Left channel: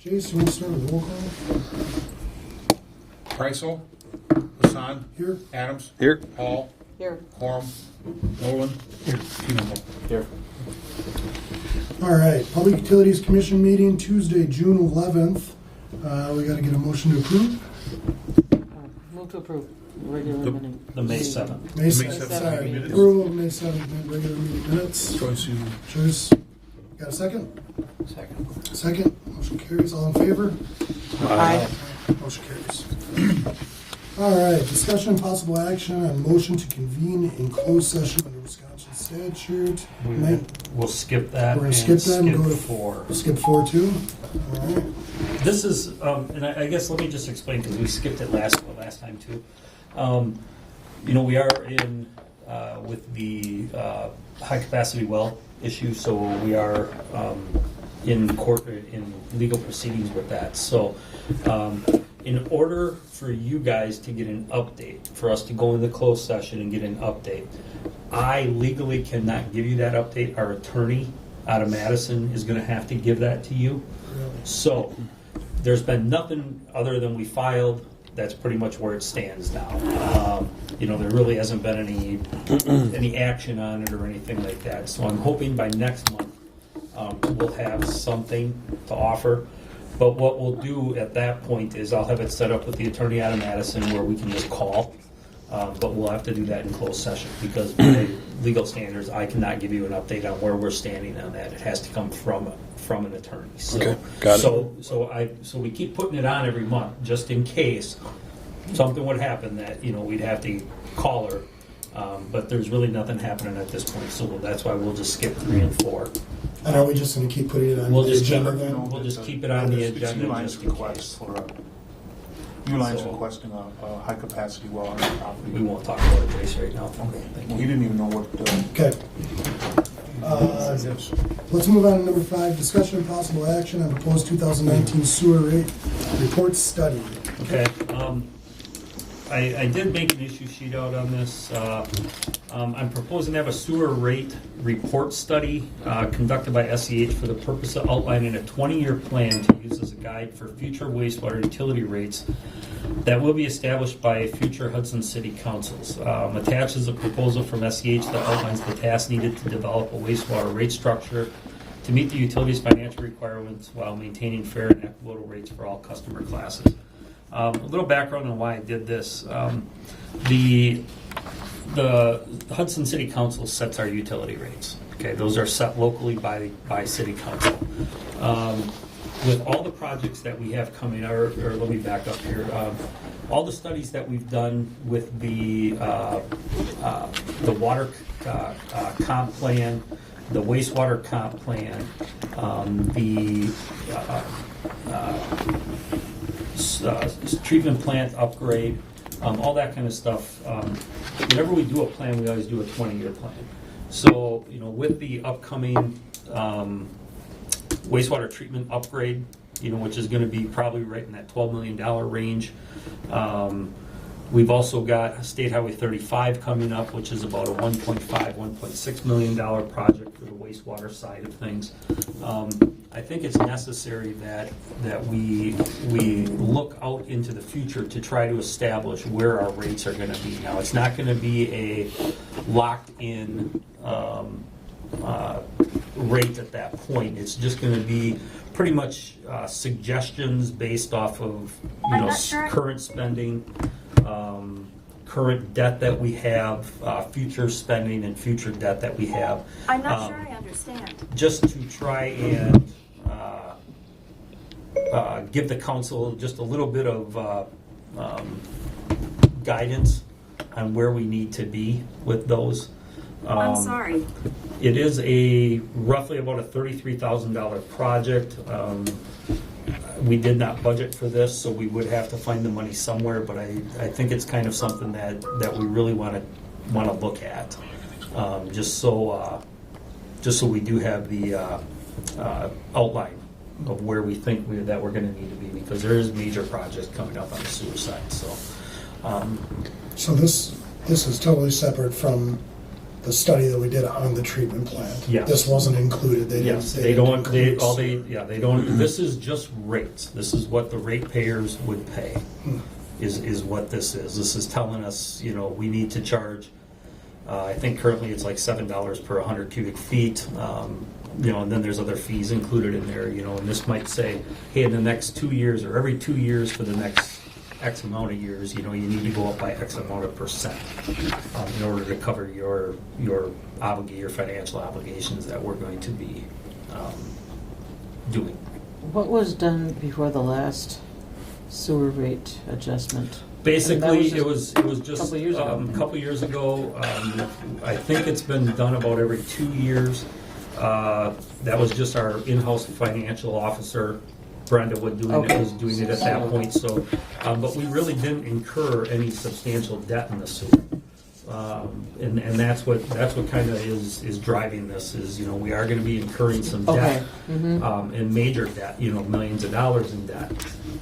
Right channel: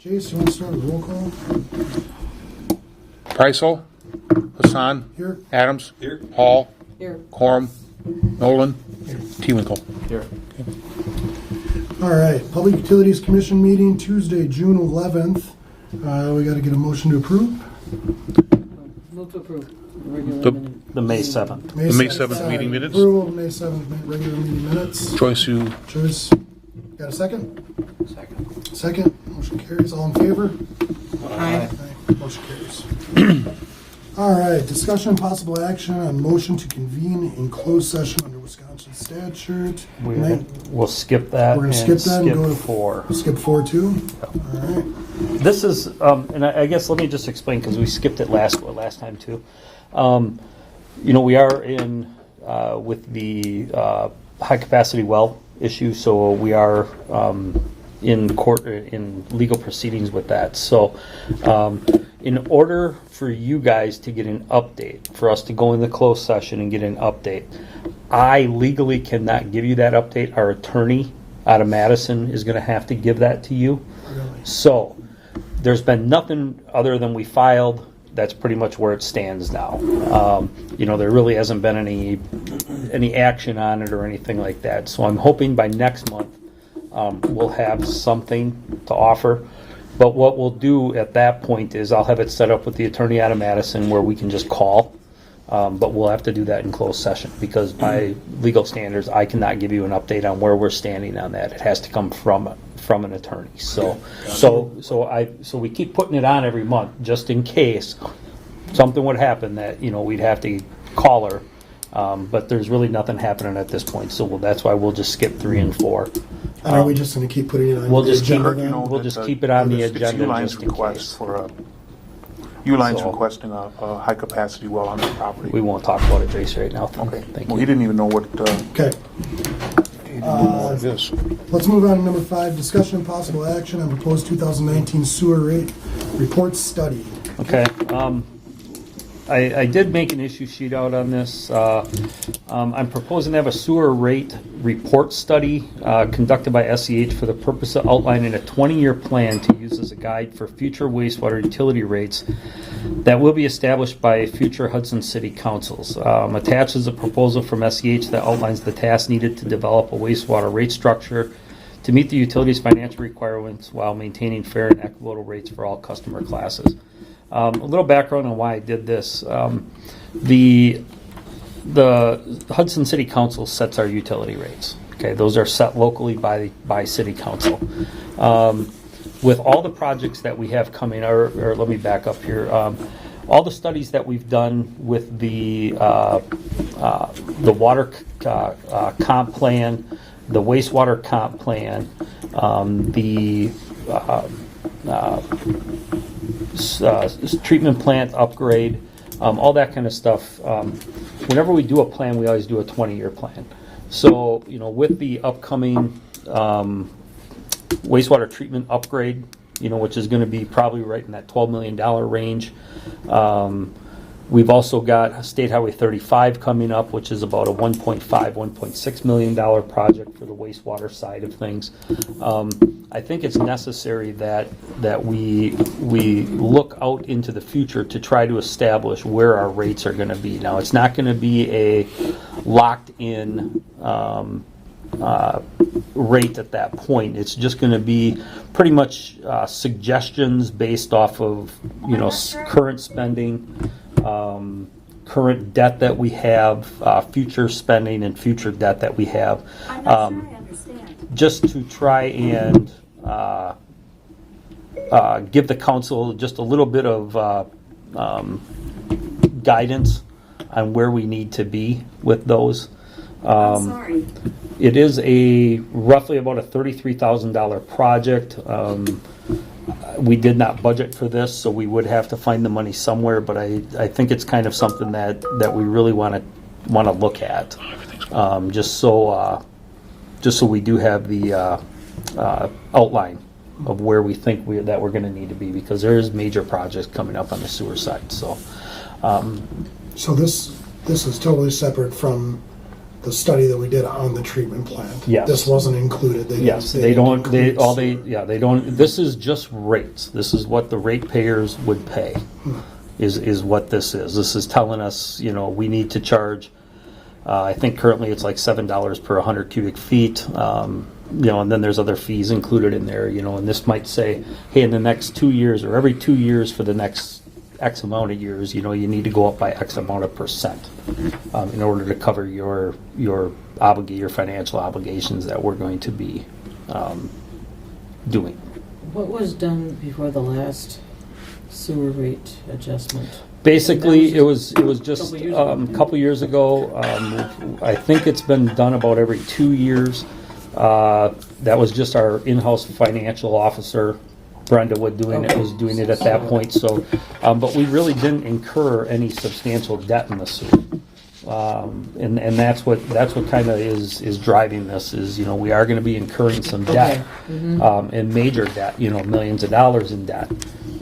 Jason, we start with roll call. Kreisel, Hassan, Here. Adams, here, Hall, Here. Corum, Nolan, here, Tewinkle. Here. All right, Public Utilities Commission meeting Tuesday, June 11th. We got to get a motion to approve. Move to approve. Regular The- meeting. The May 7th. The May 7th, 7th sorry. meeting minutes. Approval of May 7th regular meeting minutes. Joyce, you, Joyce, got a second? Second. Second. Motion carries. All in favor? Aye. Motion carries. All right, discussion and possible action on motion to convene in closed session under Wisconsin statute. We'll skip that. We're gonna skip that and skip go to 4. We'll skip 4 too. All right. This is, and I guess let me just explain because we skipped it last time too. We are in with the high capacity well issue, so we are in court in legal proceedings with that. So, in order for you guys to get an update, for us to go in the closed session and get an update, I legally cannot give you that update. Our attorney out of Madison is going to have to give that to you. Really? So, there's been nothing other than we filed. That's pretty much where it stands now. There really hasn't been any action on it or anything like that. So I'm hoping by next month we'll have something to offer. But what we'll do at that point is I'll have it set up with the attorney out of Madison where we can just call. But we'll have to do that in closed session because by legal standards, I cannot give you an update on where we're standing on that. It has to come from an attorney. So, Okay, got it. so we keep putting it on every month just in case something would happen that we'd have to call her. But there's really nothing happening at this point. So that's why we'll just skip 3 and 4. And are we just going to keep putting it on We'll the just keep agenda it. then? We'll just keep it on the agenda Uline's just in request case. for Uline's So- requesting a high capacity well on the property. We won't talk about it, Tracy, right now. Okay. Thank Well, you. he didn't even know what. Okay. yes. Let's move on to number 5, discussion and possible action on proposed 2019 sewer rate report study. Okay, I did make an issue sheet out on this. I'm proposing to have a sewer rate report study conducted by SEH for the purpose of outlining a 20-year plan to use as a guide for future wastewater utility rates that will be established by future Hudson City Councils. Attached is a proposal from SEH that outlines the tasks needed to develop a wastewater rate structure to meet the utility's financial requirements while maintaining fair and equitable rates for all customer classes. A little background on why I did this. The Hudson City Council sets our utility rates. Okay, those are set locally by City Council. With all the projects that we have coming, or let me back up here. All the studies that we've done with the water comp plan, the wastewater comp plan, the treatment plant upgrade, all that kind of stuff. Whenever we do a plan, we always do a 20-year plan. So, with the upcoming wastewater treatment upgrade, which is going to be probably right in that $12 million range. We've also got State Highway 35 coming up, which is about a $1.6 million project for the wastewater side of things. I think it's necessary that we look out into the future to try to establish where our rates are going to be. Now, it's not going to be a locked-in rate at that point. It's just going to be pretty much suggestions based off of current spending. Current debt that we have, future spending and future debt that we have. I'm not sure I understand. Just to try and give the council just a little bit of guidance on where we need to be with those. I'm sorry. It is roughly about a $33,000 project. We did not budget for this, so we would have to find the money somewhere. But I think it's kind of something that we really want to look at, just so we do have the outline of where we think that we're going to need to be, because there is major projects coming up on the sewer side. So, So this is totally separate from the study that we did on the treatment plant. Yes. This wasn't included. Yes, they didn't don't, they, include all they, sewer. yeah, they don't, this is just rates. This is what the ratepayers would pay, is what this is. This is telling us, you know, we need to charge, I think currently it's like $7 per 100 cubic feet. You know, and then there's other fees included in there, you know, and this might say, hey, in the next 2 years or every 2 years for the next X amount of years, you know, you need to go up by X amount of percent in order to cover your financial obligations that we're going to be doing. What was done before the last sewer rate adjustment? Basically, And it that was just couple years ago. couple years ago. I think it's been done about every 2 years. That was just our in-house financial officer, Brenda, was doing it at that point. So, but we really didn't incur any substantial debt in the sewer. And that's what kind of is driving this is, you know, we are going to be incurring some debt, and major debt, you know, millions of dollars in debt.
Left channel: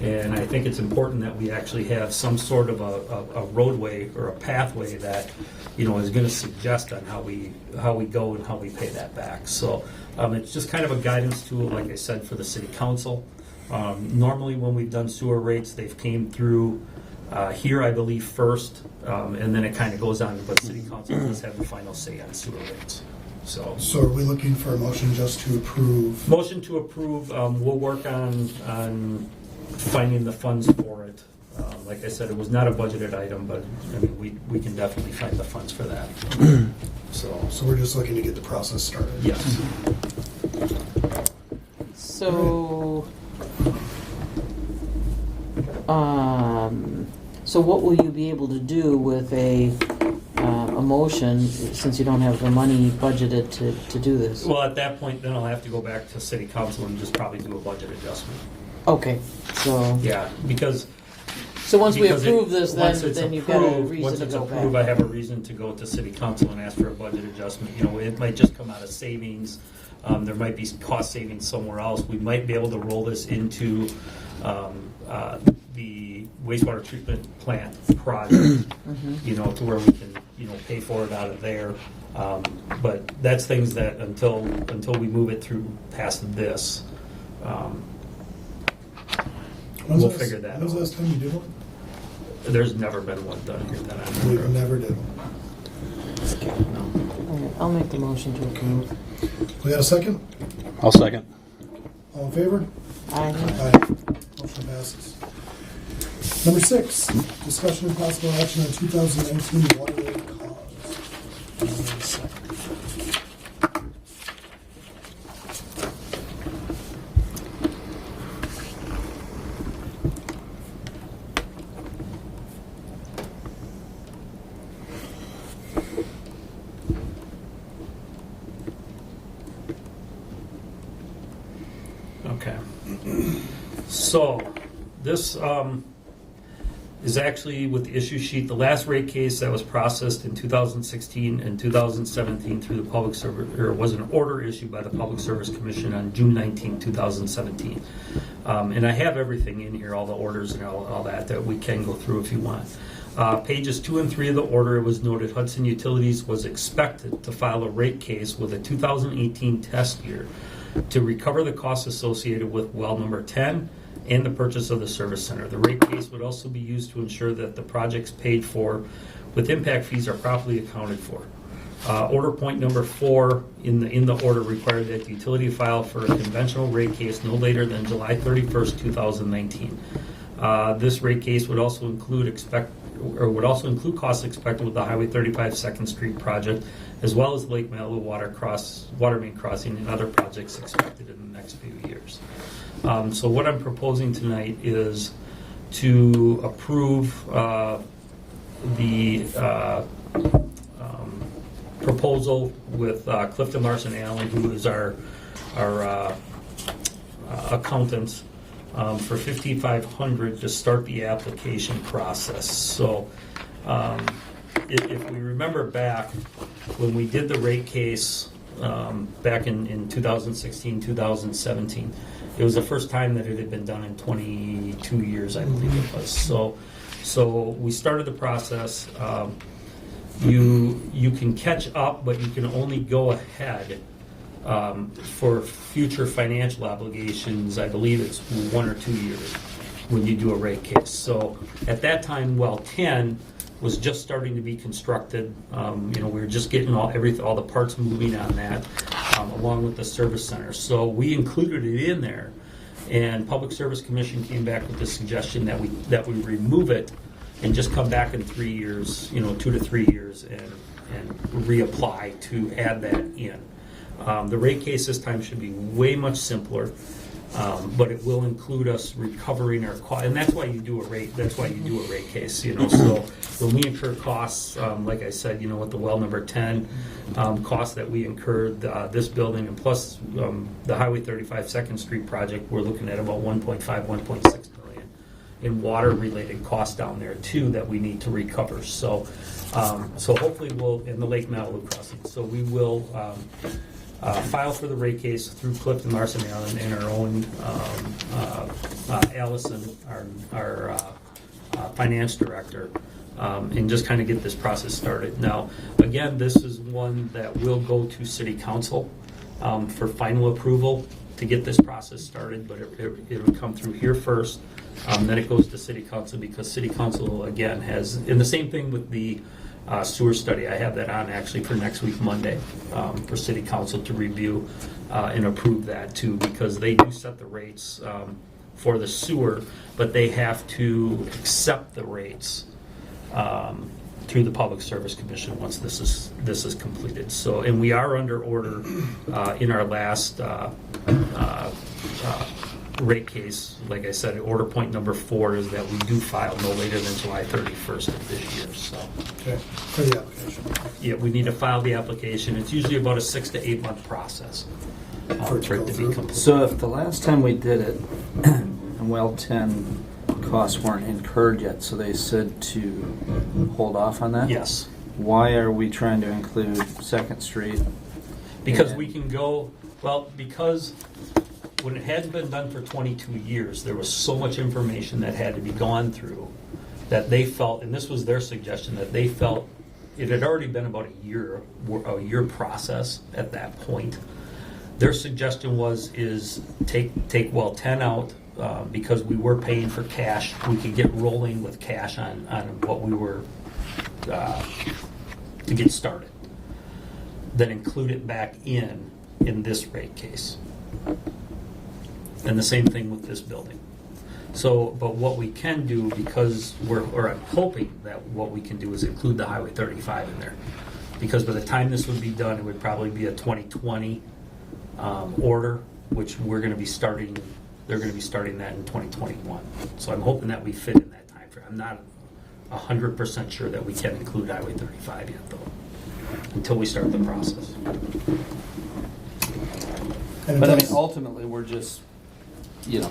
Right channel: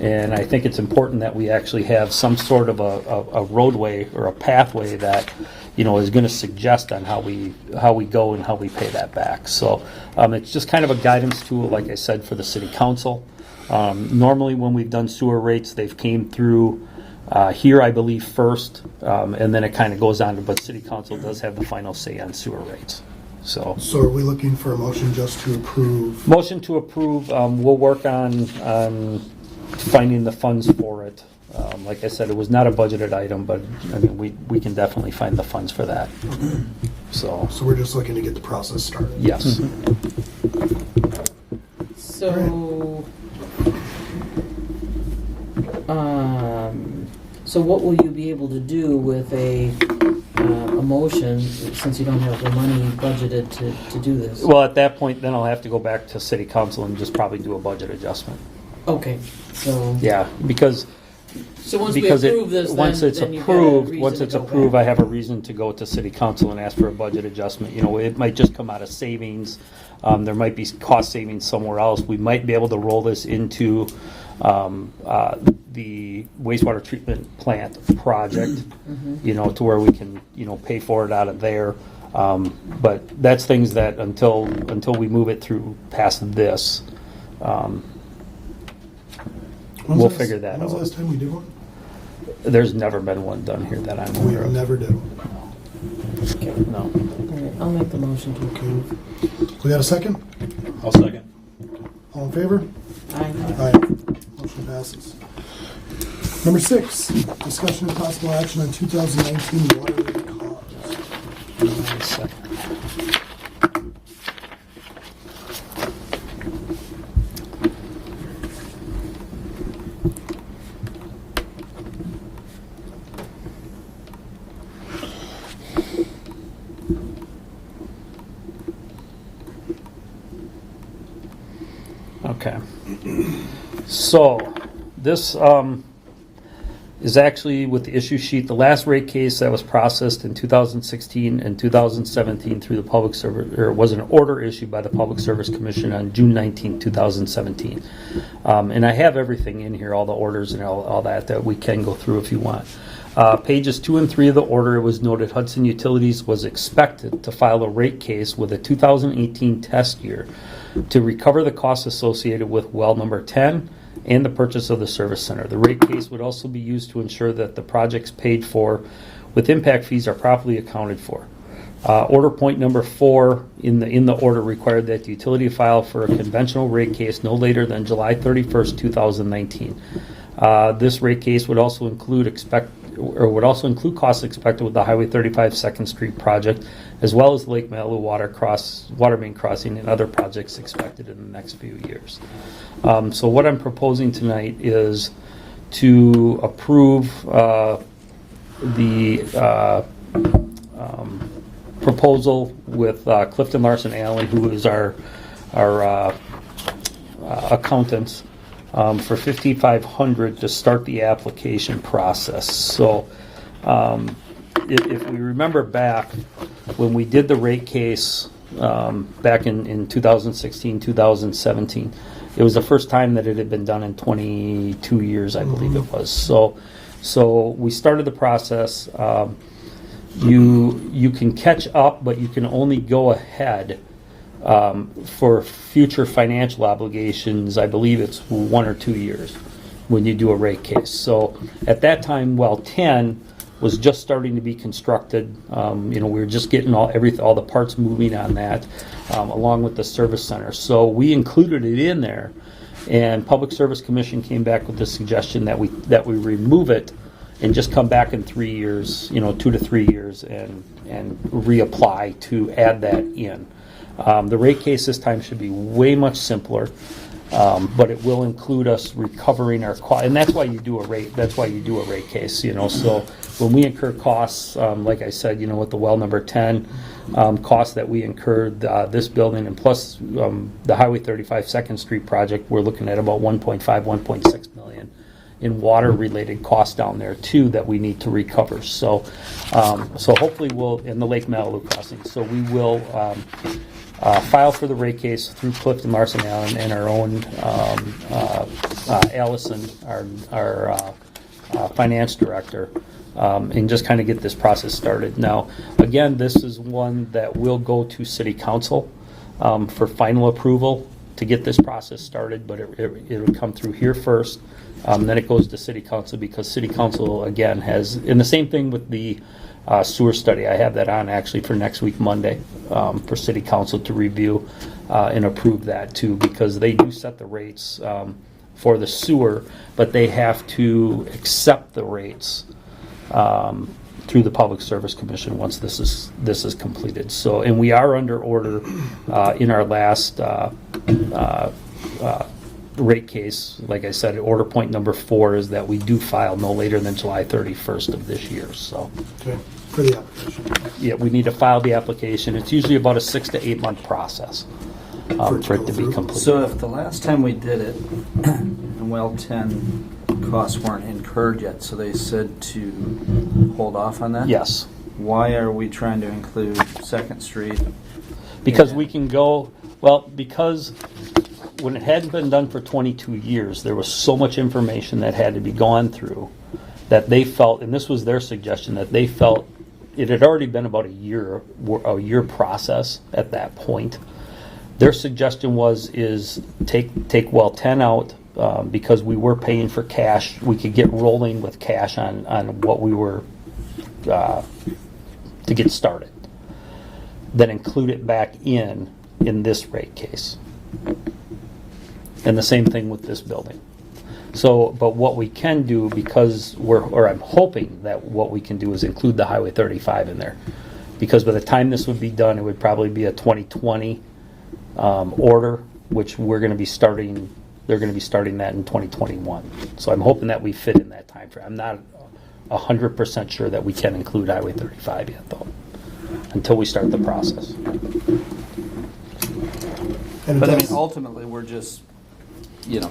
And I think it's important that we actually have some sort of a roadway or a pathway that, you know, is going to suggest on how we go and how we pay that back. So it's just kind of a guidance tool, like I said, for the city council. Normally when we've done sewer rates, they've came through here, I believe, first, and then it kind of goes on, but city council does have the final say on sewer rates. So are we looking for a motion just to approve? motion to approve. We'll work on finding the funds for it. Like I said, it was not a budgeted item, but I mean, we can definitely find the funds for that. So So we're just looking to get the process started. yes. So, so what will you be able to do with a motion, since you don't have the money budgeted to do this? Well, at that point, then I'll have to go back to city council and just probably do a budget adjustment. Okay, so. Yeah, because So once we because approve this, once it's then you've got a approved, reason once to it's go approved, back. I have a reason to go to city council and ask for a budget adjustment. You know, it might just come out of savings. There might be cost savings somewhere else. We might be able to roll this into the wastewater treatment plant project, you know, to where we can, you know, pay for it out of there. But that's things that until we move it through past this, we'll figure that When's the out. last time we did one? There's never been one done here that I'm We aware of. never did one. No. All right, I'll make the motion to approve. Okay. We got a second? I'll second. All in favor? Aye. Aye. Motion passes. Number 6, discussion and possible action on 2019 water rate cause. Okay. So, this is actually with the issue sheet, the last rate case that was processed in 2016 and 2017 through the Public Service, or was an order issued by the Public Service Commission on June 19, 2017. And I have everything in here, all the orders and all that we can go through if you want. Pages 2 and 3 of the order, it was noted Hudson Utilities was expected to file a rate case with a 2018 test year to recover the costs associated with well number 10 and the purchase of the service center. The rate case would also be used to ensure that the projects paid for with impact fees are properly accounted for. Order point number 4 in the order required that the utility file for a conventional rate case no later than July 31st, 2019. This rate case would also include costs expected with the Highway 35 Second Street project, as well as Lake Malibu water main crossing and other projects expected in the next few years. So what I'm proposing tonight is to approve the proposal with Clifton Larson Allen, who is our accountants, for $5,500 to start the application process. So if we remember back when we did the rate case back in 2016, 2017, it was the first time that it had been done in 22 years, I believe it was. So we started the process. you can catch up, but you can only go ahead for future financial obligations. I believe it's 1 or 2 years when you do a rate case. So at that time, well 10 was just starting to be constructed. We were just getting all the parts moving on that, along with the service center. So we included it in there, and Public Service Commission came back with the suggestion that we remove it and just come back in 3 years, 2 to 3 years, and reapply to add that in. The rate case this time should be way much simpler. But it will include us recovering our cost, and that's why you do a rate. That's why you do a rate case. So when we incur costs, like I said, with the well number 10 costs that we incurred this building, and plus the Highway 35 Second Street project, we're looking at about 1.5, 1.6 million in water-related costs down there too that we need to recover. So hopefully we'll in the Lake Malibu crossing. So we will. File for the rate case through Clifton Larson Allen and our own Allison, our finance director, and just kind of get this process started. Now, again, this is one that will go to City Council for final approval to get this process started, but it will come through here first. Then it goes to City Council because City Council, again, has, and the same thing with the sewer study. I have that on actually for next week, Monday, for City Council to review and approve that too, because they do set the rates for the sewer, but they have to accept the rates through the Public Service Commission once this is completed. So, and we are under order in our last rate case. Like I said, order point number 4 is that we do file no later than July 31st of this year. So, Okay, for the application. yeah, we need to file the application. It's usually about a 6 to 8 month process for it to be complete. So if the last time we did it, and well 10 costs weren't incurred yet, so they said to hold off on that? Yes, Why are we trying to include Second Street? because And- we can go, well, because when it hadn't been done for 22 years, there was so much information that had to be gone through that they felt, and this was their suggestion, that they felt it had already been about a year process at that point. Their suggestion is take well 10 out because we were paying for cash. We could get rolling with cash on what we were to get started. Then include it back in this rate case. And the same thing with this building. So, but what we can do, because I'm hoping that what we can do is include the Highway 35 in there. Because by the time this would be done, it would probably be a 2020 order, which we're going to be starting, they're going to be starting that in 2021. So I'm hoping that we fit in that time frame. I'm not 100% sure that we can include Highway 35 yet, though, until we start the process. And But I mean, does- ultimately, we're just,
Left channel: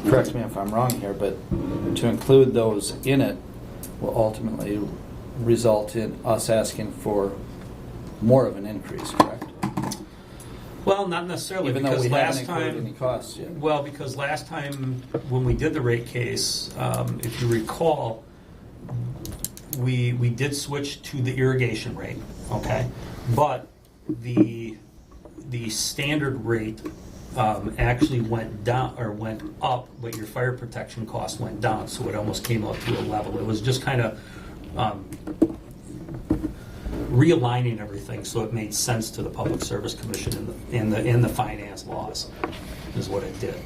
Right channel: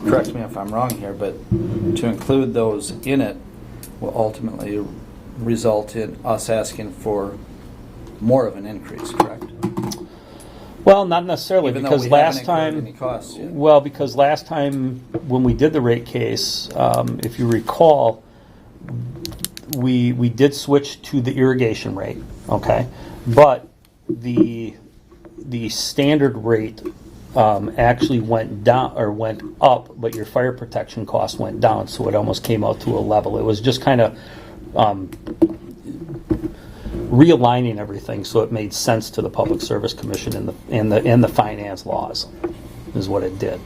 correct me if I'm wrong here, but to include those in it will ultimately result in us asking for more of an increase, correct? Well, not necessarily, Even though because we last haven't incurred time, any costs yet. well, because last time when we did the rate case, if you recall, we did switch to the irrigation rate, okay, but the standard rate actually went down or went up, but your fire protection cost went down, so it almost came out to a level. It was just kind of realigning everything so it made sense to the Public Service Commission and the finance laws is what it did.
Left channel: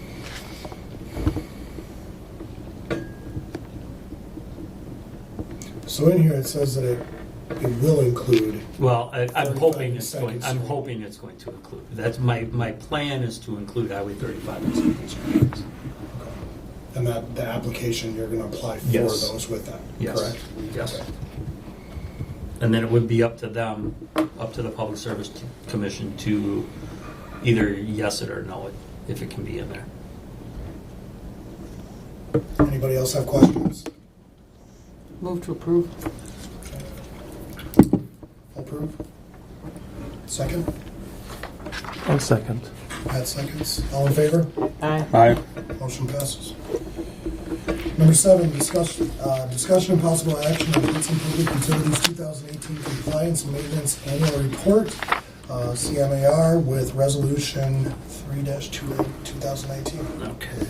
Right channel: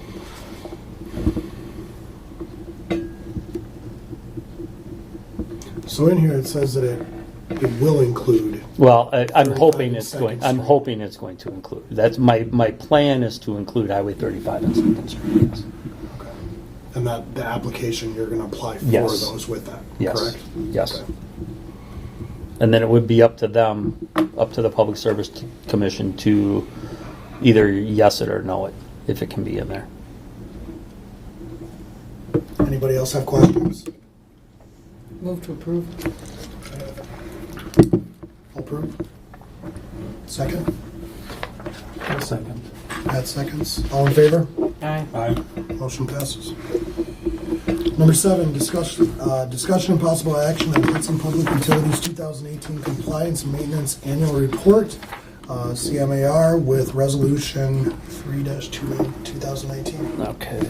So in here it says that it will include. Well, I'm 35 hoping and it's Second going. I'm Street. hoping it's going to include. That's my plan is to include Highway 35 and Second Street. Okay. And that the application, you're going to apply for Yes. those with that, Yes. correct? Yes. Okay. And then it would be up to them, up to the Public Service Commission to either yes it or no it, if it can be in there. Anybody else have questions? Move to approve. Approve? Second? I'll second. Pat seconds. All in favor? Aye. Aye. Motion passes. Number 7, discussion and possible action on Hudson Public Utilities 2018 Compliance and Maintenance Annual Report, CMAR, with Resolution 3-2019. Okay.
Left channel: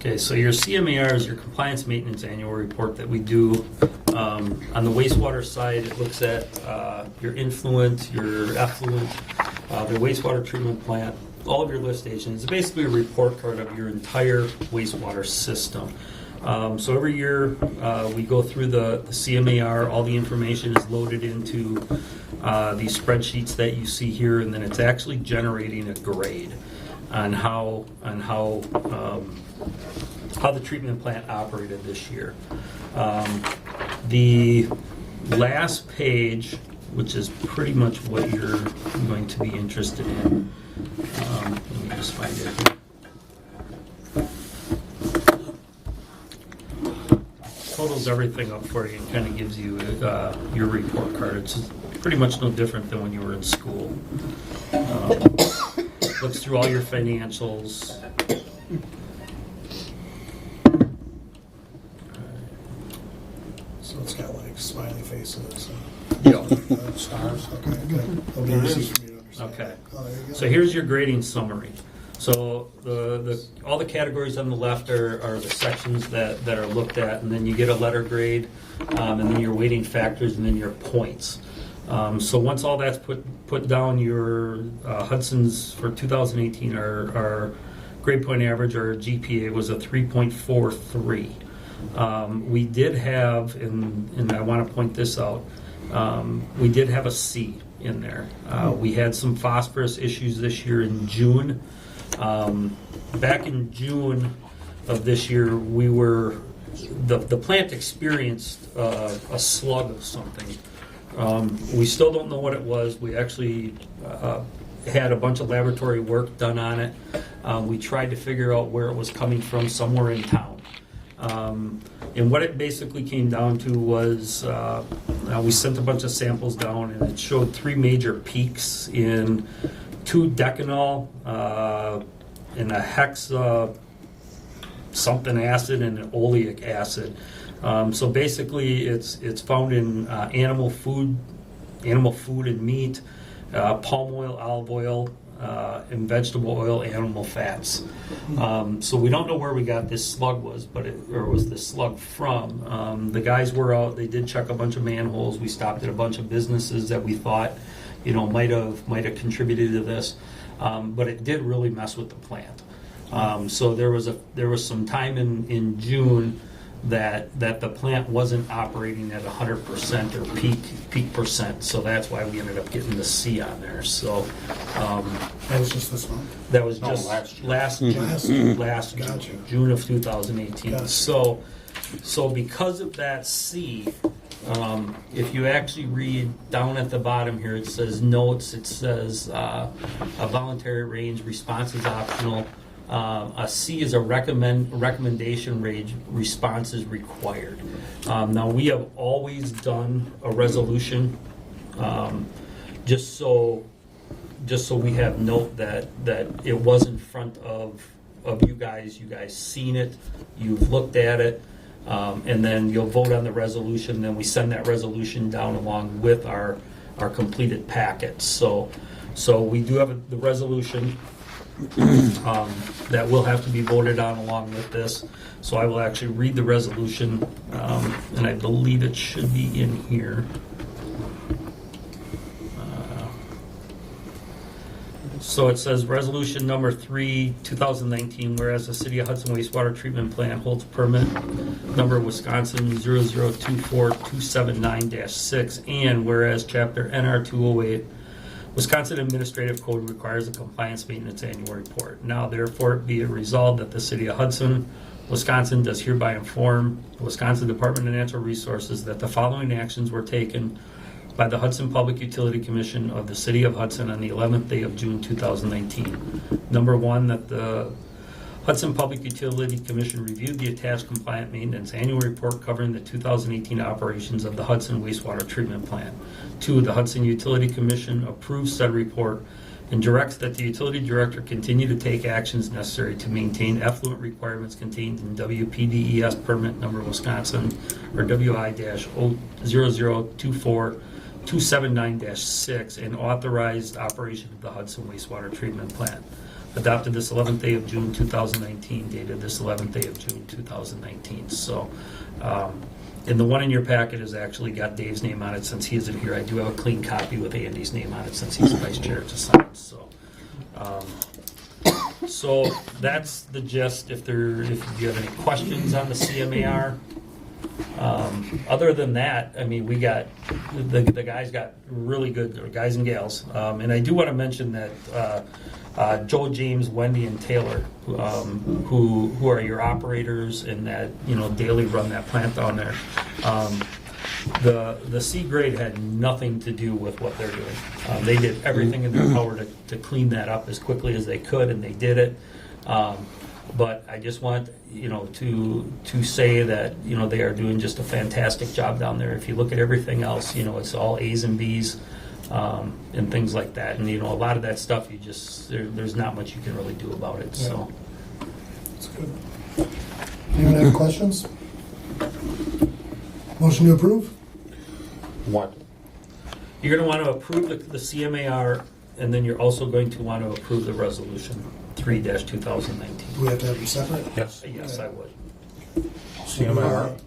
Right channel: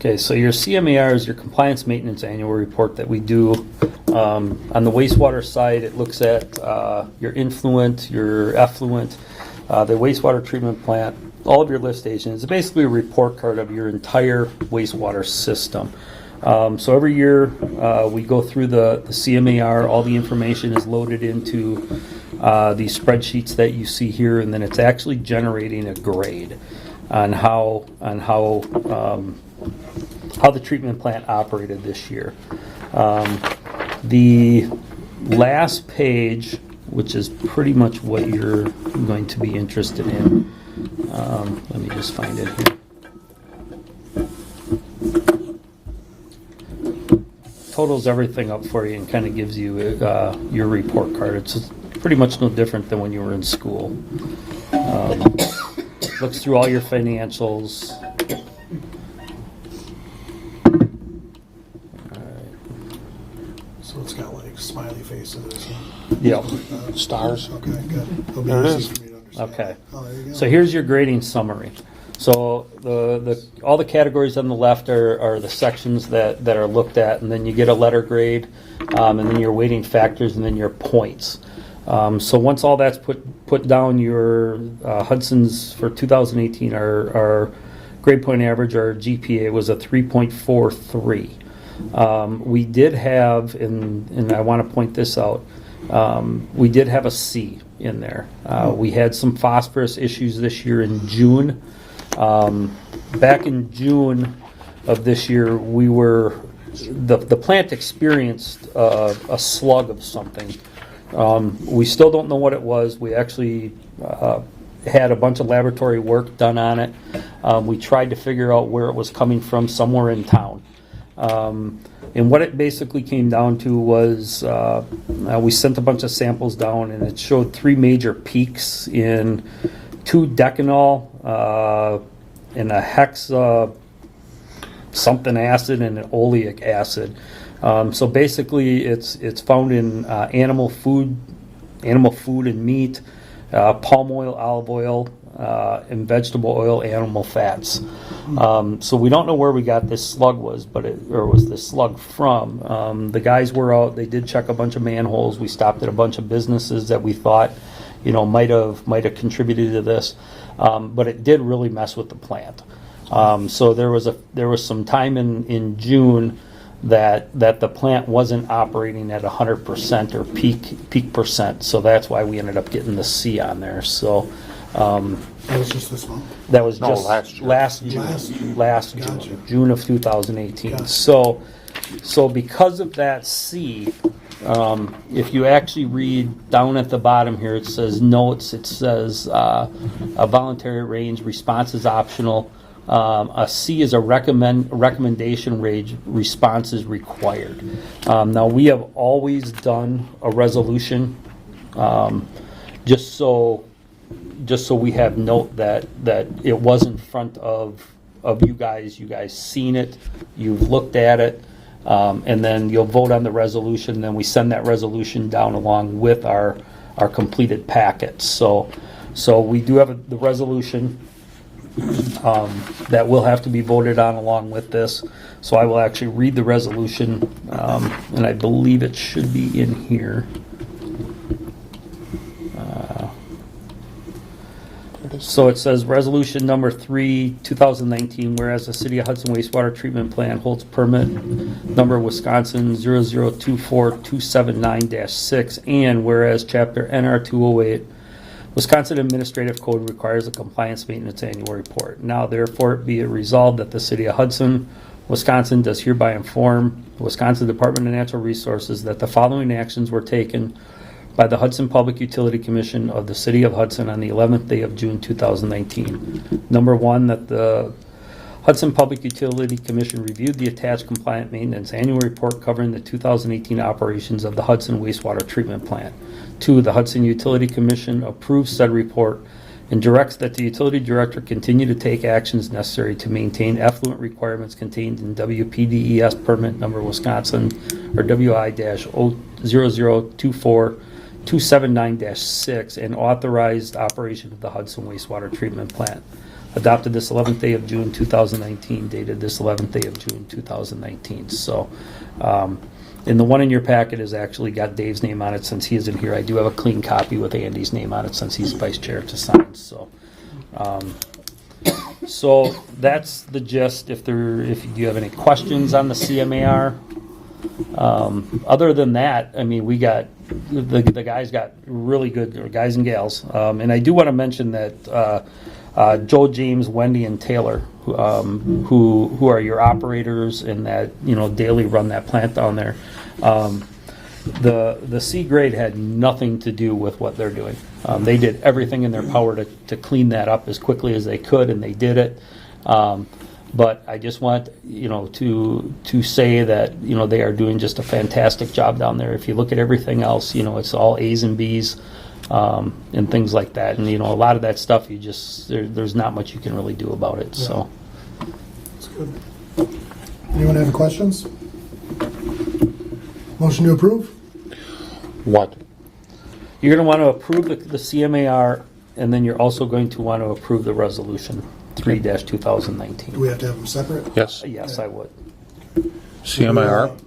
Okay, so your CMAR is your Compliance Maintenance Annual Report that we do. On the wastewater side, it looks at your influent, your effluent, the wastewater treatment plant, all of your lift stations. It's basically a report card of your entire wastewater system. So every year we go through the CMAR, all the information is loaded into these spreadsheets that you see here, and then it's actually generating a grade on how the treatment plant operated this year. The last page, which is pretty much what you're going to be interested in, let me just find it here. Totals everything up for you and kind of gives you your report card. It's pretty much no different than when you were in school. Looks through all your financials. So it's got like smiley faces. Yeah. Stars. Okay, good. It'll be There it easy is. for me to understand. Okay. Oh, there you go. So here's your grading summary. So all the categories on the left are the sections that are looked at, and then you get a letter grade, and then your weighting factors, and then your points. So once all that's put down, your Hudson's for 2018, our grade point average, our GPA was a 3.43. We did have, and I want to point this out, we did have a C in there. We had some phosphorus issues this year in June. Back in June of this year, the plant experienced a slug of something. We still don't know what it was. We actually had a bunch of laboratory work done on it. We tried to figure out where it was coming from somewhere in town. And what it basically came down to was we sent a bunch of samples down, and it showed 3 major peaks in 2-decanol, in a hexa something acid, and an oleic acid. So basically, it's found in animal food and meat, palm oil, olive oil, and vegetable oil, animal fats. So we don't know where we got this slug was this slug from. The guys were out. They did check a bunch of manholes. We stopped at a bunch of businesses that we thought, might have contributed to this, but it did really mess with the plant. So there was some time in June that the plant wasn't operating at 100% or peak percent. So that's why we ended up getting the C on there. So That was just this month. that was No, just last year. Last June. Gotcha. June of 2018. Gotcha. So because of that C, if you actually read down at the bottom here, it says notes. It says a voluntary range, response is optional. A C is a recommendation range, response is required. Now we have always done a resolution, just so we have note that it was in front of you guys. You guys seen it, you've looked at it, and then you'll vote on the resolution. Then we send that resolution down along with our completed packets. So we do have the resolution that will have to be voted on along with this. So I will actually read the resolution, and I believe it should be in here. So it says resolution number 3, 2019, whereas the City of Hudson wastewater treatment plant holds permit number Wisconsin 0024279-6, and whereas chapter NR 208 Wisconsin Administrative Code requires a compliance maintenance annual report. Now therefore be it resolved that the City of Hudson, Wisconsin does hereby inform the Wisconsin Department of Natural Resources that the following actions were taken by the Hudson Public Utility Commission of the City of Hudson on the 11th day of June 2019. Number 1, that the Hudson Public Utility Commission reviewed the attached compliant maintenance annual report covering the 2018 operations of the Hudson wastewater treatment plant. 2, the Hudson Utility Commission approves said report and directs that the utility director continue to take actions necessary to maintain effluent requirements contained in WPDES permit number Wisconsin or WI-0024-279-6 and authorized operation of the Hudson wastewater treatment plant. Adopted this 11th day of June 2019, dated this 11th day of June 2019. So, and the one in your packet has actually got Dave's name on it since he isn't here. I do have a clean copy with Andy's name on it since he's vice chair to sign. So, so that's the gist. If you have any questions on the CMAR, other than that, I mean, we got the guys got really good, or guys and gals, and I do want to mention that. Joe, James, Wendy, and Taylor, who are your operators and that daily run that plant down there. The C grade had nothing to do with what they're doing. They did everything in their power to clean that up as quickly as they could, and they did it. But I just want to say that they are doing just a fantastic job down there. If you look at everything else, it's all A's and B's. And things like that, and a lot of that stuff there's not much you can really do about it. Yeah. So That's good. Anyone have questions? Motion to approve? What? you're going to want to approve the CMAR, and then you're also going to want to approve the resolution 3-2019. Do we have to have them separate? Yes. Yes, I would. CMIR.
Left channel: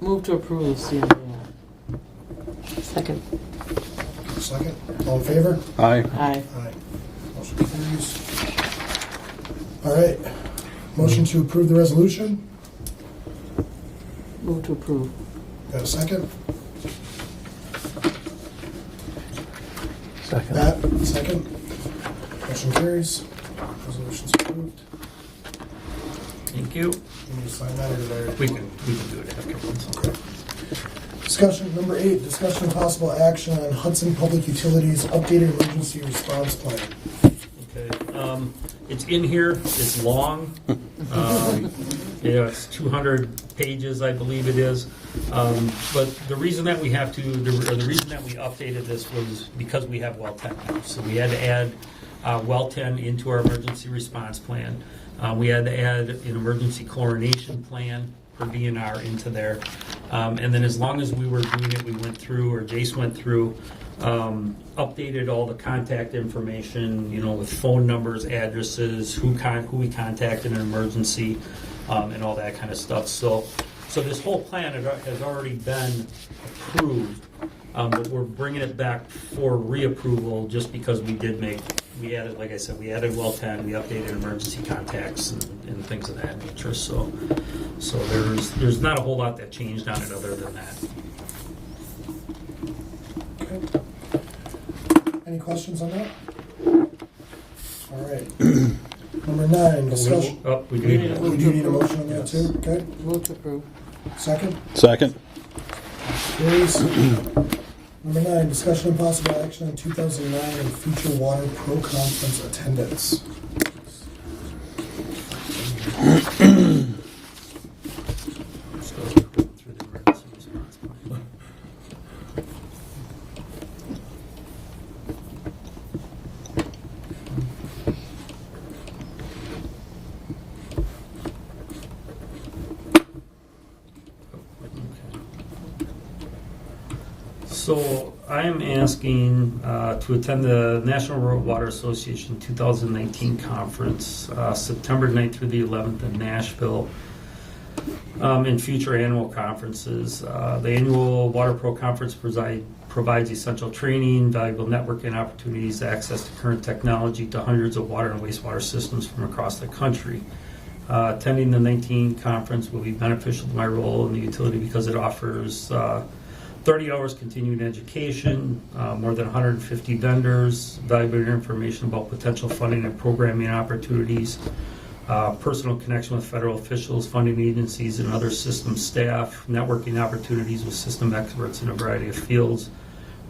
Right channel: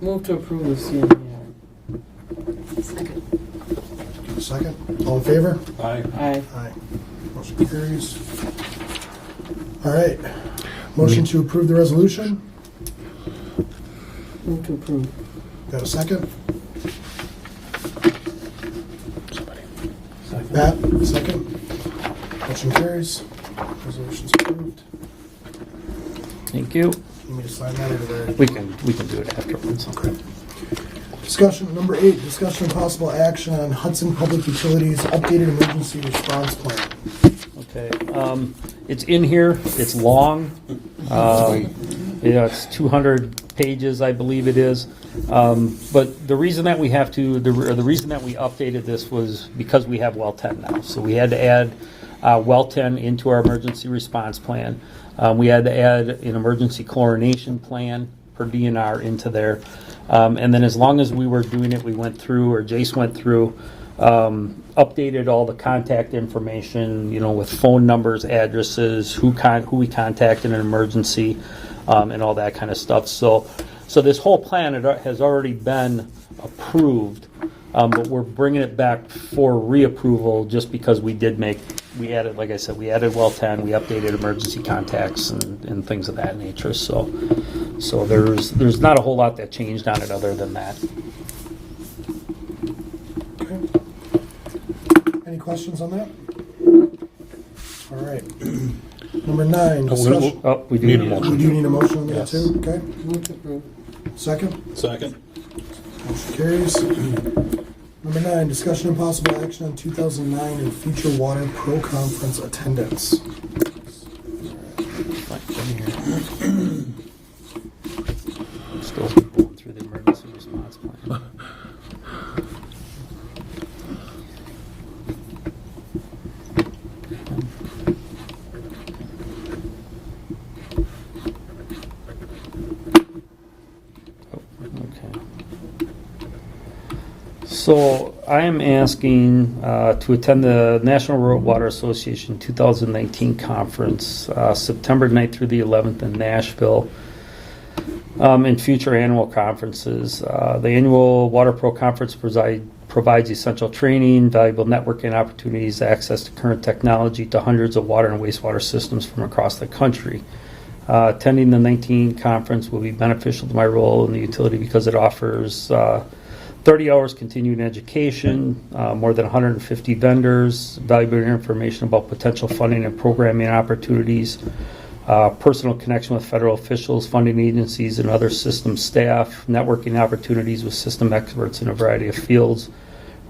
Move to approve the CMAR. Second. Second. All in favor? Aye. Aye. Aye. Motion carries. All right. Motion to approve the resolution. Move to approve. Got a second? Second. Pat, second. Motion carries. Resolution's approved. Thank you. You need to sign that or did I already? We can do it afterwards. Okay. Discussion, number 8, discussion and possible action on Hudson Public Utilities updated emergency response plan. Okay. It's in here. It's long. It's 200 pages, I believe it is. But the reason that we have to, the reason that we updated this was because we have well 10 now. So we had to add well 10 into our emergency response plan. We had to add an emergency chlorination plan per DNR into there. And then as long as we were doing it, we went through, or Jace went through, updated all the contact information, with phone numbers, addresses, who we contacted in an emergency, and all that kind of stuff. So this whole plan has already been approved, but we're bringing it back for reapproval just because we added, like I said, we added well 10, we updated emergency contacts and things of that nature. So there's not a whole lot that changed on it other than that. Okay. Any questions on that? All right. Number 9, discussion. We do need a We motion. do need a motion on that Yes. too? Okay. Move to approve. Second? Second. Motion carries. Number 9, discussion and possible action on 2009 and future water pro conference attendance. Still going through the emergency response plan. So I am asking to attend the National Rural Water Association 2019 conference, September 9th through the 11th in Nashville, and future annual conferences. The annual Water Pro Conference provides essential training, valuable networking opportunities, access to current technology to hundreds of water and wastewater systems from across the country. Attending the 19 conference will be beneficial to my role in the utility because it offers 30 hours continuing education, more than 150 vendors, valuable information about potential funding and programming opportunities, personal connection with federal officials, funding agencies, and other system staff, networking opportunities with system experts in a variety of fields,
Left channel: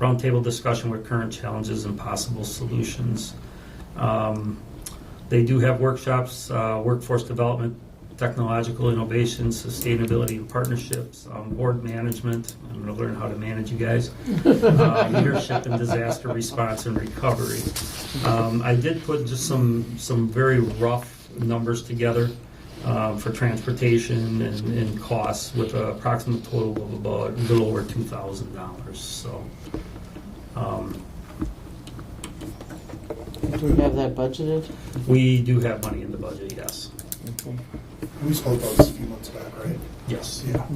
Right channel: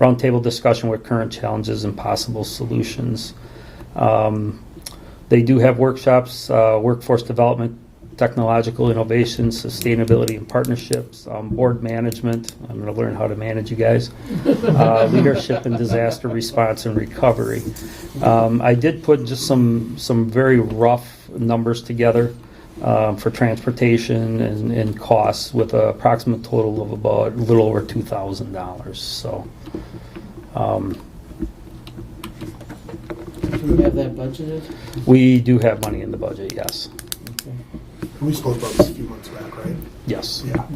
roundtable discussion with current challenges and possible solutions. They do have workshops, workforce development, technological innovation, sustainability and partnerships, board management. I'm going to learn how to manage you guys. Leadership and disaster response and recovery. I did put just some very rough numbers together for transportation and costs with an approximate total of about a little over $2,000. So. Do we have that budgeted? We do have money in the budget, yes. Okay. We spoke about this a few months back, right? Yes. Yeah.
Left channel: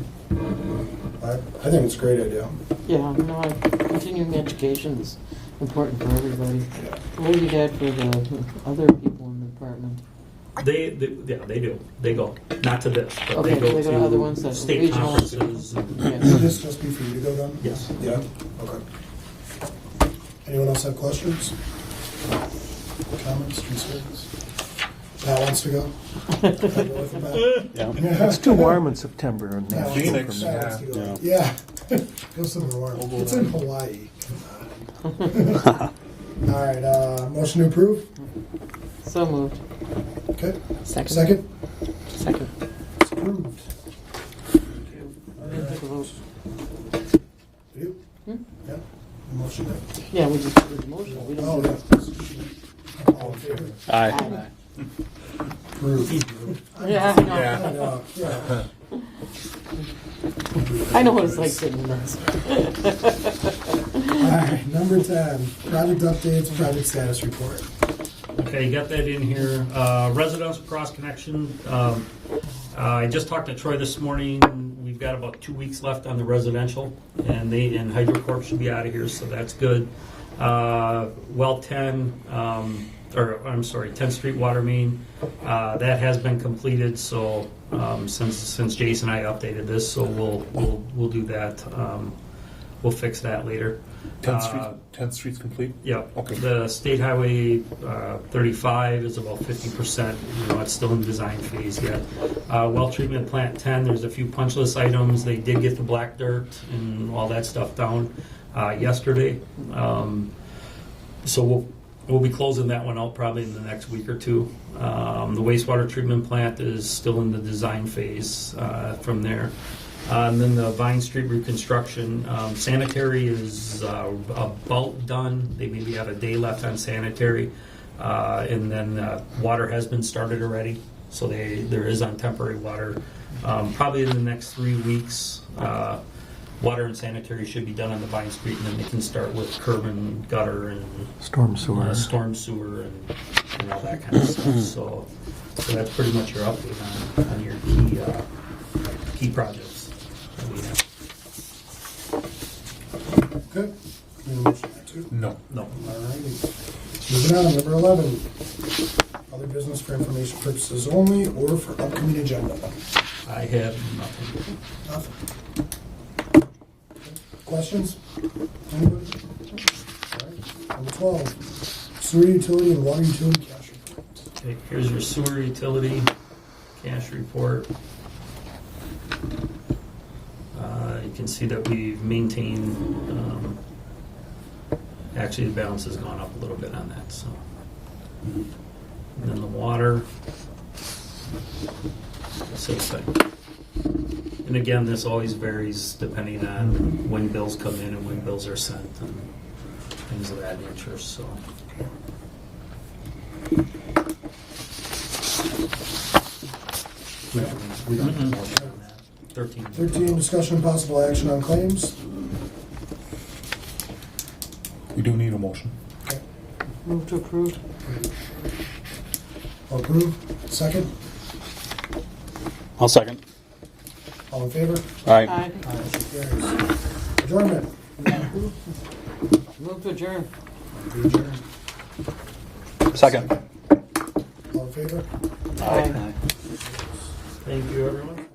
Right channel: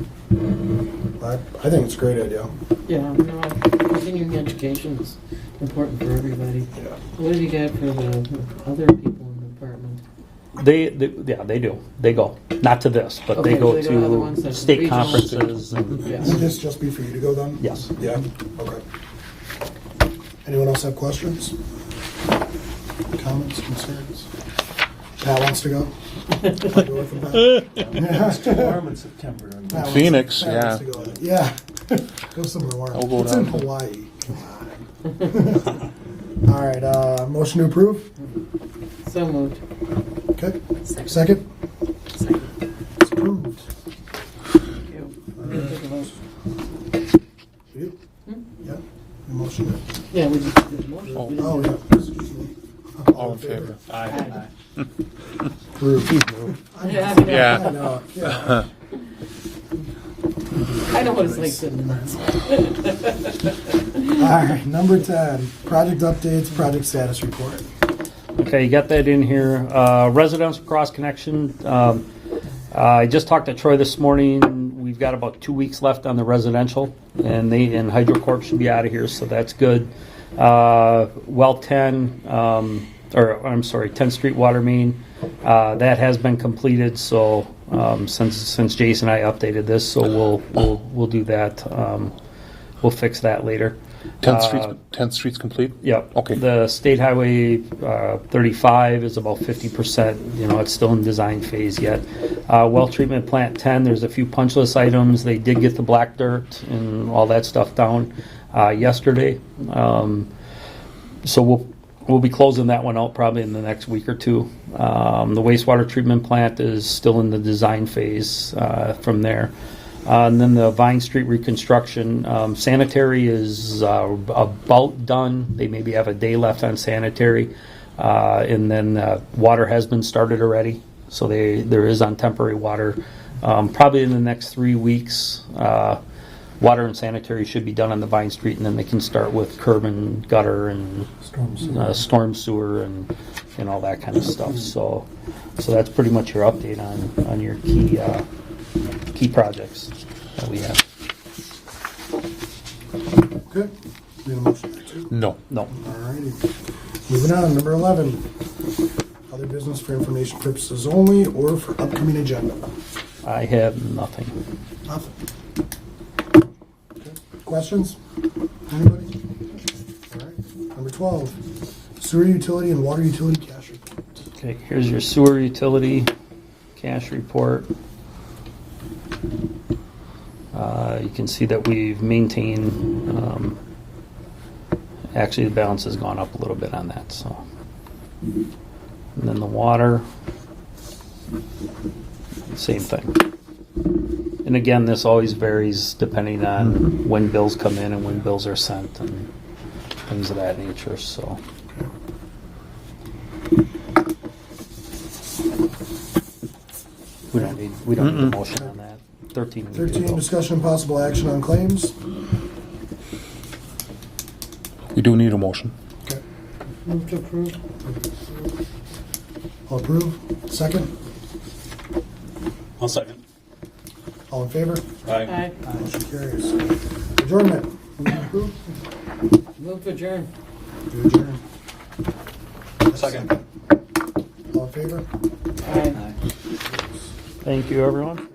I think it's a great idea. Yeah, no, continuing education is important for everybody. Yeah. What have you got for the other people in the department? They do. They go. Not to this, but Okay, they go they go to other ones to that- state regional. conferences. And, Would Yes. this just be for you to go then? yes. Yeah? Okay. Anyone else have questions? Comments, concerns? Pat wants to go? I'll go with him, Pat. It's too warm in September. Pat wants Phoenix, Pat wants yeah. to go. Yeah. Go somewhere warm. I'll go It's in down. Hawaii. Come on. All right, motion to approve? So moved. Okay. Second. Second? Second. It's approved. We didn't take a vote. You? Hmm? Yeah. The motion did. Yeah, we just did the motion. We didn't Oh, do yeah. the- Excuse me. All in favor? Aye. Approved. Yeah, I know. Yeah. I know, yeah. I know what it's like sitting in this. All right, number 10, project updates, project status report. Okay, you got that in here. Residential cross connection. I just talked to Troy this morning. We've got about 2 weeks left on the residential, and HydroCorp should be out of here, so that's good. Well 10, 10th Street water main, that has been completed. So since Jason and I updated this, so we'll do that. We'll fix that later. 10th Street's complete? Yeah. Okay. The State Highway 35 is about 50%. It's still in design phase yet. Well treatment plant 10, there's a few punch list items. They did get the black dirt and all that stuff down yesterday. So we'll be closing that one out probably in the next week or two. The wastewater treatment plant is still in the design phase from there. And then the Vine Street reconstruction, sanitary is about done. They maybe have a day left on sanitary. And then water has been started already. So there is on temporary water. Probably in the next 3 weeks, water and sanitary should be done on the Vine Street, and then they can start with curb and gutter and Storm sewer. and all that kind of stuff. So that's pretty much your update on your key projects that we have. Okay. Need a motion there too? No. No. All righty. Moving on, number 11. Other business for information purposes only or for upcoming agenda? I have nothing. Nothing. Okay. Questions? Anybody? All right. Number 12. Sewer utility and water utility cash report. Okay, here's your sewer utility cash report. You can see that we've maintained, actually the balance has gone up a little bit on that, so. And then the water, same thing. And again, this always varies depending on when bills come in and when bills are sent and things of that nature, so. We don't need a motion on that. 13. 13. Discussion and possible action on claims. We do need a motion. Okay. Move to approve. All approve. Second. I'll second. All in favor? Aye. Motion carries. Adjournment. Move to approve. Move to adjourn. We adjourn. Second. All in favor? Aye. Thank you, everyone.